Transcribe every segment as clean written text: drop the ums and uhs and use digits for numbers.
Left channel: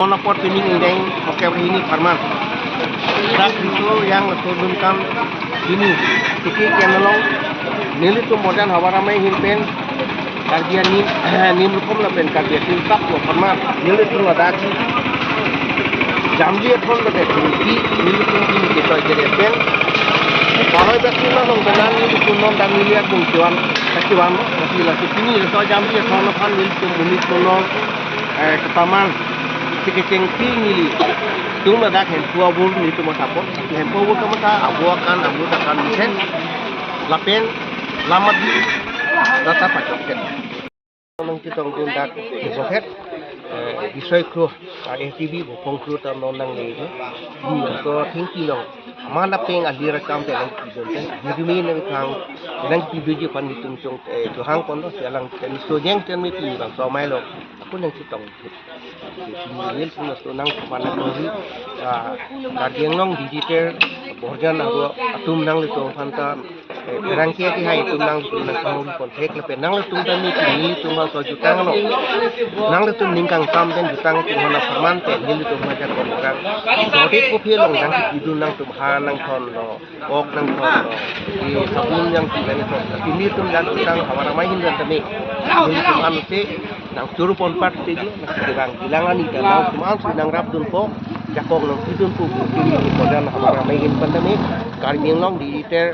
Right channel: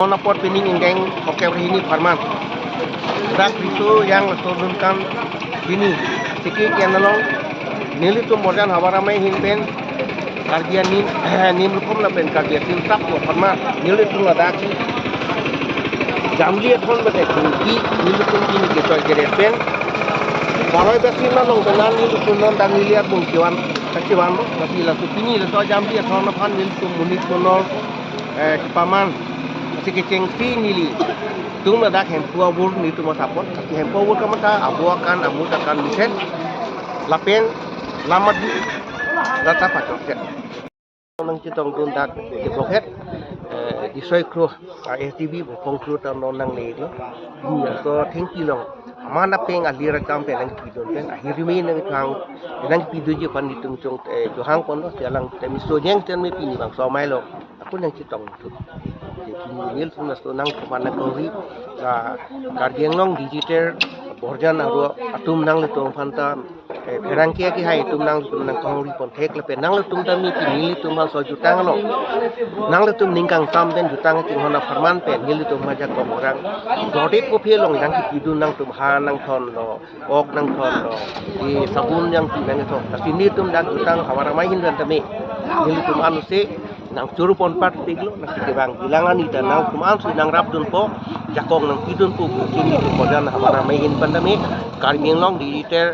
Monopor pining indeng oke ini karma dak itu yang turunkan sini sikit yang nolong nili tu modern hawaramai himpen kardia nim lukom na pen kardia tim tap lo karma nili tu ladaki jambi thon bade tinggi nili tu pin ke to geresen kalau dak lima nong tenan nili tu non dan nili pun kiwan kakiwan masih lagi sini to jambi thon na phan nili tu munit tu non kepaman sikit nili tung dak hem tua bur ni tu masapon hem tua bur kamata abuakan akan misen lapen lamat di rata pacoket nang kitong tindak di poket বিষয় kru ATV bopong kru tam nang le ni so thinki long amana peng alira kam te lang kidon te hirmi nang kang nang kidu je pan ditung chong to hang pon to lang ten so nyeng ten mi pi bang so mai lo aku nang kitong ni sung so nang pamana kri ka dieng long digital borjan aro atum nang le to phanta rang ke ti hai tum nang kang pon thek le pe nang le tum tan mi pi ni tum so jutang lo nang le tum ningkang tam den jutang ti hona farman te ni tum ma ja ko orang dode ko phe long nang ki du nang tum ha nang thon lo ok nang thon lo di sabun yang ti nang thon sini tum dan jutang hawara mai hin dan tame ni tum an se nang churu pon pat ti lo nang ti bang bilangan ni dan nang tum an su nang rap dun po jakong nang tidun pu sini tum kodan hawara mai hin pandame kargeng long di ter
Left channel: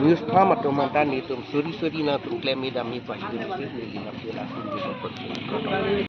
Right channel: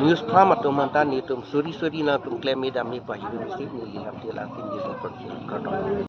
news farm atau mantan itu suri na tum claim dami pahidu ni ni hapila tum di